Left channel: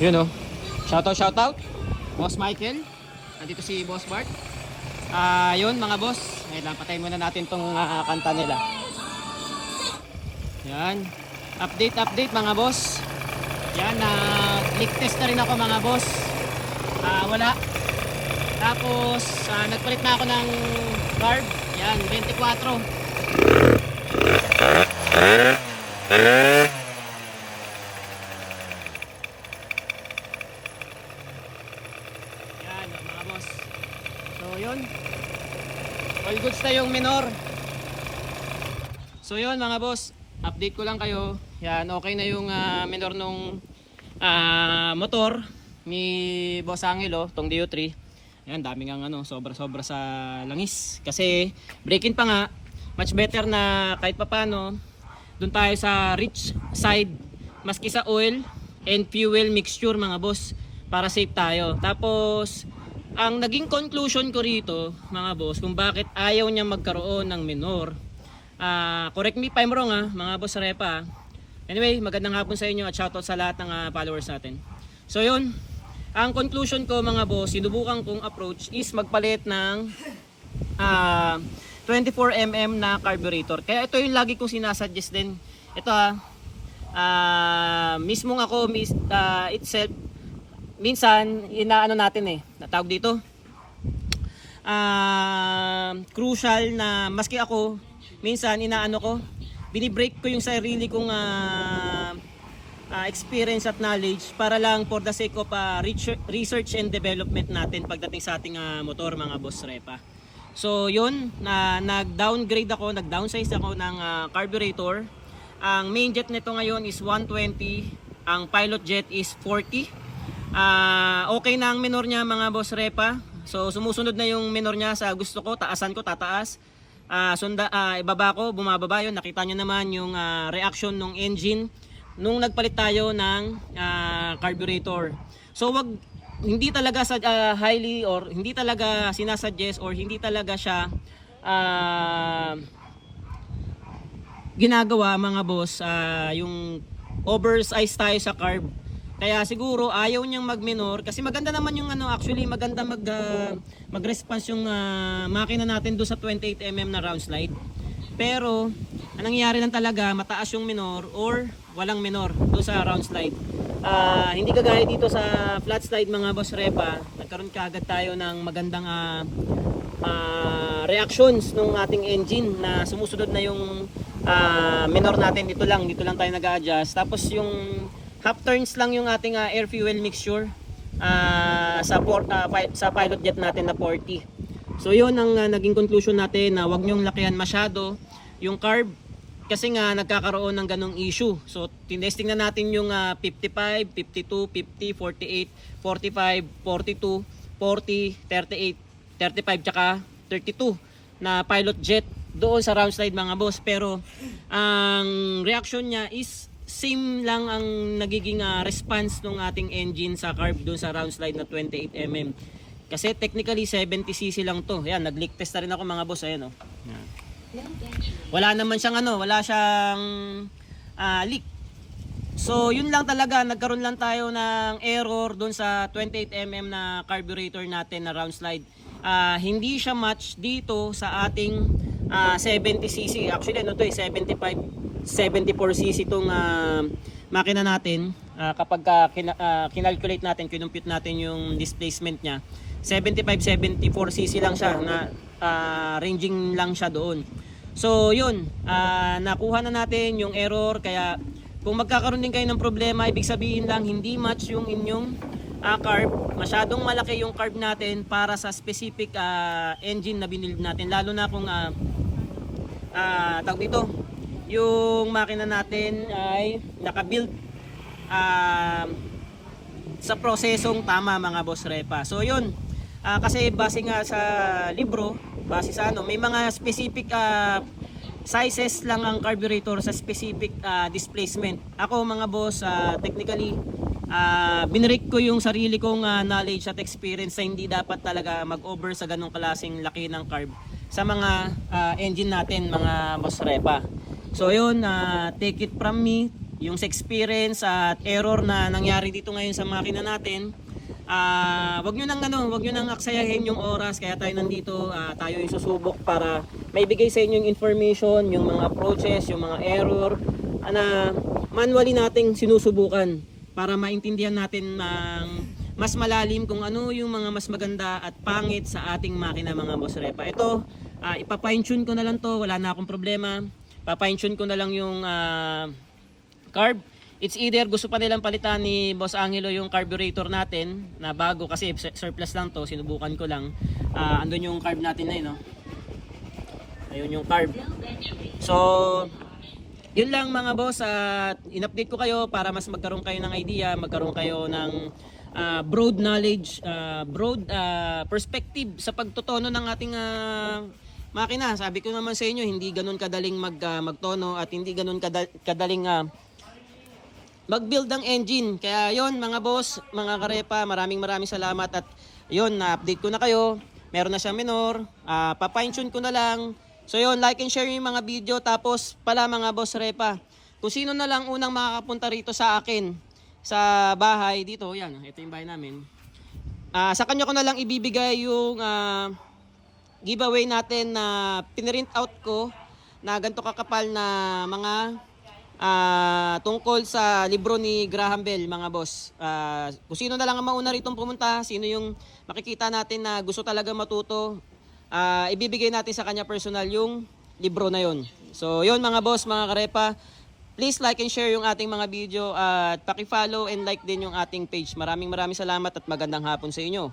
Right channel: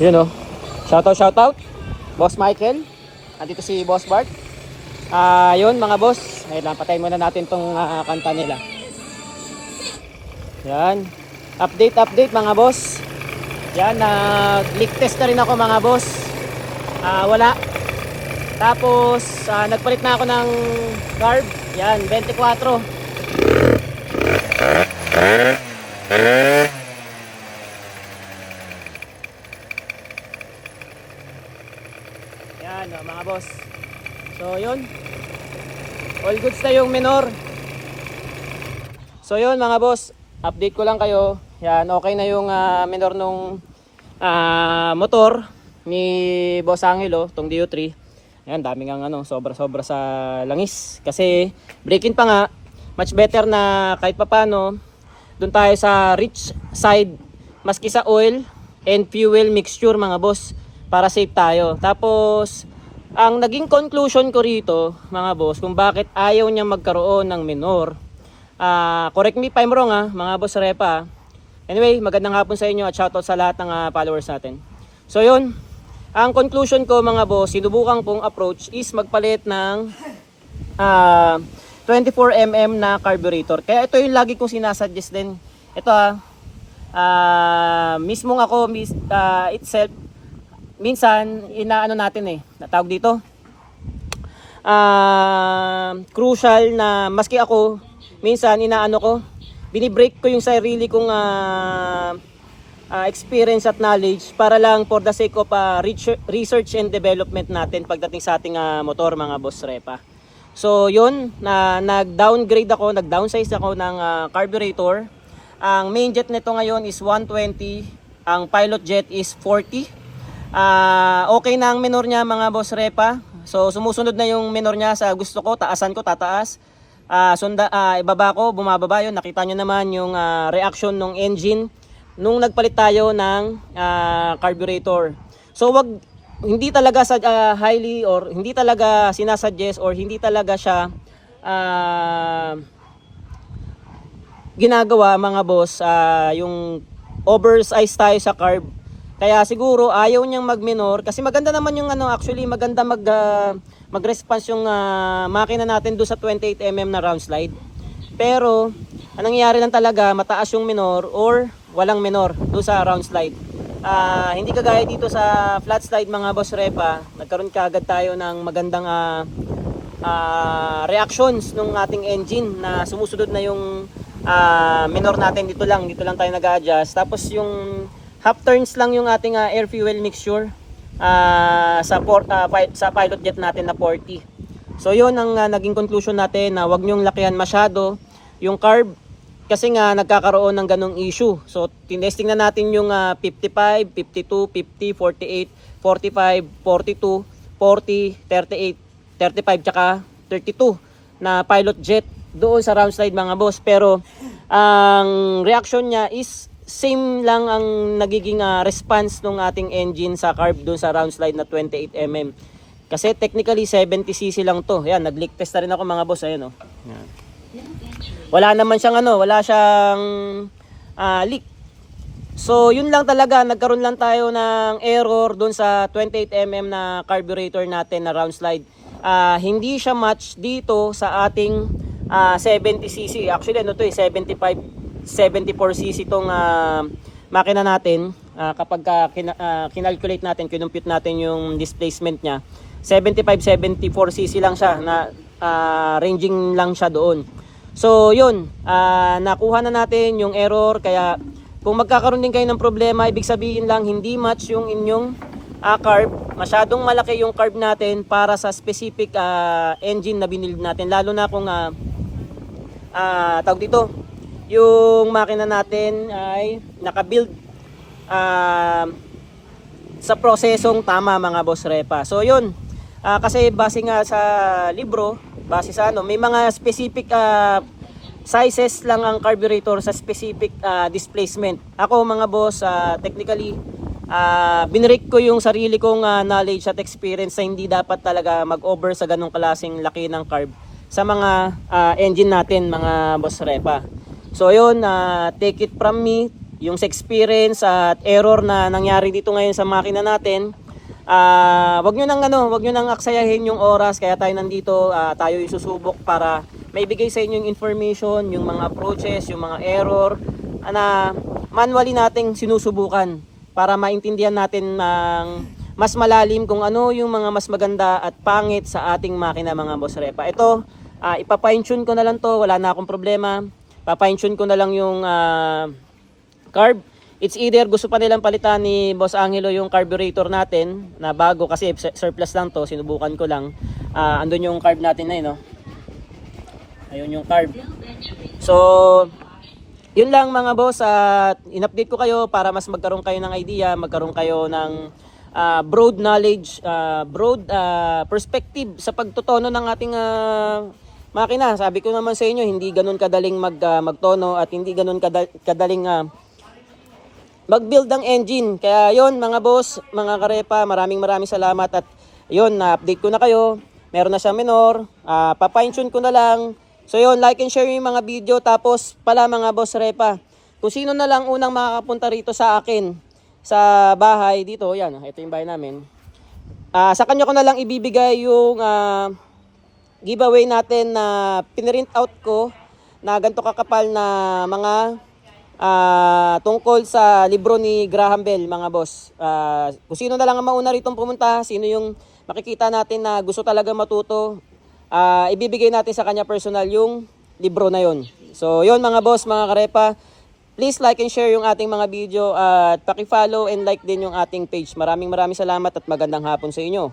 Yun oh. Shoutout. Boss Michael. Andito si Boss Bart. Yun mga boss. Ngayon lang, patayin muna natin tong kanta nila. Yan. Update mga boss. Yan, leak test na rin ako mga boss. Wala. Tapos, nagpalit na ako ng carb. Yan, 24. Yan, mga boss. So, yun. All goods na yung minor. So, yun mga boss. Update ko lang kayo. Yan, okay na yung minor nung motor ni Boss Angelo, tong DO3. Yan, daming ang sobra-sobra sa langis. Kasi break-in pa nga, much better na kahit papano doon tayo sa rich side maski sa oil and fuel mixture mga boss, para safe tayo. Tapos ang naging conclusion ko rito mga boss kung bakit ayaw niya magkaroon ng minor, correct me if I'm wrong mga boss Repa. Anyway, magandang hapon sa inyo at shoutout sa lahat ng followers natin. So yun, ang conclusion ko mga boss, sinubukan kong approach is magpalit ng 24mm na carburetor. Kaya ito yung lagi kong sinasuggest din. Ito mismong ako itself, minsan inaano natin natawag dito. Crucial na maski ako, minsan inaano ko, binibreak ko yung sarili kong experience at knowledge para lang for the sake of research and development natin pagdating sa ating motor mga boss Repa. So yun, nag-downgrade ako, nag-downsize ako ng carburetor. Ang main jet nito ngayon is 120, ang pilot jet is 40. Okay na ang minor niya mga boss Repa. So sumusunod na yung minor niya sa gusto ko, taasan ko, tataas. Ibaba ko, bumababa yun. Nakita nyo naman yung reaction ng engine nung nagpalit tayo ng carburetor. So hindi talaga sa highly or hindi talaga sinasuggest or hindi talaga siya ginagawa mga boss yung oversize tayo sa carb. Kaya siguro ayaw niyang mag-minor kasi maganda naman yung actually maganda mag-response yung makina natin do sa 28mm na round slide. Pero anong nangyayari lang talaga, mataas yung minor or walang minor do sa round slide. Hindi kagaya dito sa flat slide mga boss Repa, nagkaroon kaagad tayo ng magandang reactions ng ating engine na sumusunod na yung minor natin. Dito lang tayo nag-adjust. Tapos yung half turns lang yung ating air fuel mixture sa pilot jet natin na 40. So yun ang naging conclusion natin, na wag nyong lakihan masyado yung carb kasi nga nagkakaroon ng ganong issue. So tinesting na natin yung 55, 52, 50, 48, 45, 42, 40, 38, 35 tsaka 32 na pilot jet doon sa round slide mga boss. Pero ang reaction niya is same lang ang nagiging response ng ating engine sa carb doon sa round slide na 28mm. Kasi technically 70cc lang to. Yan, nag-leak test na rin ako mga boss. Ayan Yan. Wala naman siyang wala siyang leak. So yun lang talaga, nagkaroon lang tayo ng error doon sa 28mm na carburetor natin na round slide. Hindi siya match dito sa ating 70cc. Actually 74cc tong makina natin. Kapag kinalculate natin, kinumpute natin yung displacement niya, 74cc lang siya, na ranging lang siya doon. So yun, nakuha na natin yung error. Kaya kung magkakaroon din kayo ng problema, ibig sabihin lang hindi match yung inyong carb, masyadong malaki yung carb natin para sa specific engine na binili natin. Lalo na kung tawag dito, yung makina natin ay nakabuild sa prosesong tama mga boss Repa. So yun, kasi base nga sa libro, base sa may mga specific sizes lang ang carburetor sa specific displacement. Ako mga boss, technically binrake ko yung sarili kong knowledge at experience na hindi dapat talaga mag-over sa ganong klaseng laki ng carb sa mga engine natin mga boss Repa. So yun, take it from me, yung sa experience at error na nangyari dito ngayon sa makina natin. Wag nyo nang aksayahin yung oras, kaya tayo nandito, tayo isusubok para maibigay sa inyo yung information, yung mga approaches, yung mga error na manually nating sinusubukan para maintindihan natin ng mas malalim kung ano yung mga mas maganda at pangit sa ating makina, mga boss repa. Ito, ipa-fine tune ko na lang to, wala na akong problema. Pa-fine tune ko na lang yung carb. It's either gusto pa nilang palitan ni Boss Angelo yung carburetor natin na bago, kasi surplus lang to, sinubukan ko lang. Andun yung carb natin na yun, no? Ayun yung carb. So, yun lang mga boss, at in-update ko kayo para mas magkaroon kayo ng idea, magkaroon kayo ng broad knowledge, broad perspective sa pagtutono ng ating makina. Sabi ko naman sa inyo, hindi ganun kadaling magtono at hindi ganun kadaling mag-build ng engine. Kaya yon mga boss, mga karepa, maraming salamat. At yon, na-update ko na kayo. Meron na siya minor, pa-fine tune ko na lang. So yon, like and share yung mga video. Tapos pala mga boss repa, kung sino na lang unang makakapunta rito sa akin sa bahay dito, yan, ito yung bahay namin. Sa kanya ko na lang ibibigay yung giveaway natin na pinrint out ko na ganito kakapal na mga tungkol sa libro ni Graham Bell, mga boss. Kung sino na lang ang mauna rito pumunta, sino yung makikita natin na gusto talaga matuto, ibibigay natin sa kanya personal yung libro na yon. So yon mga boss, mga karepa, please like and share yung ating mga video at paki-follow and like din yung ating page. Maraming salamat at magandang hapon sa inyo.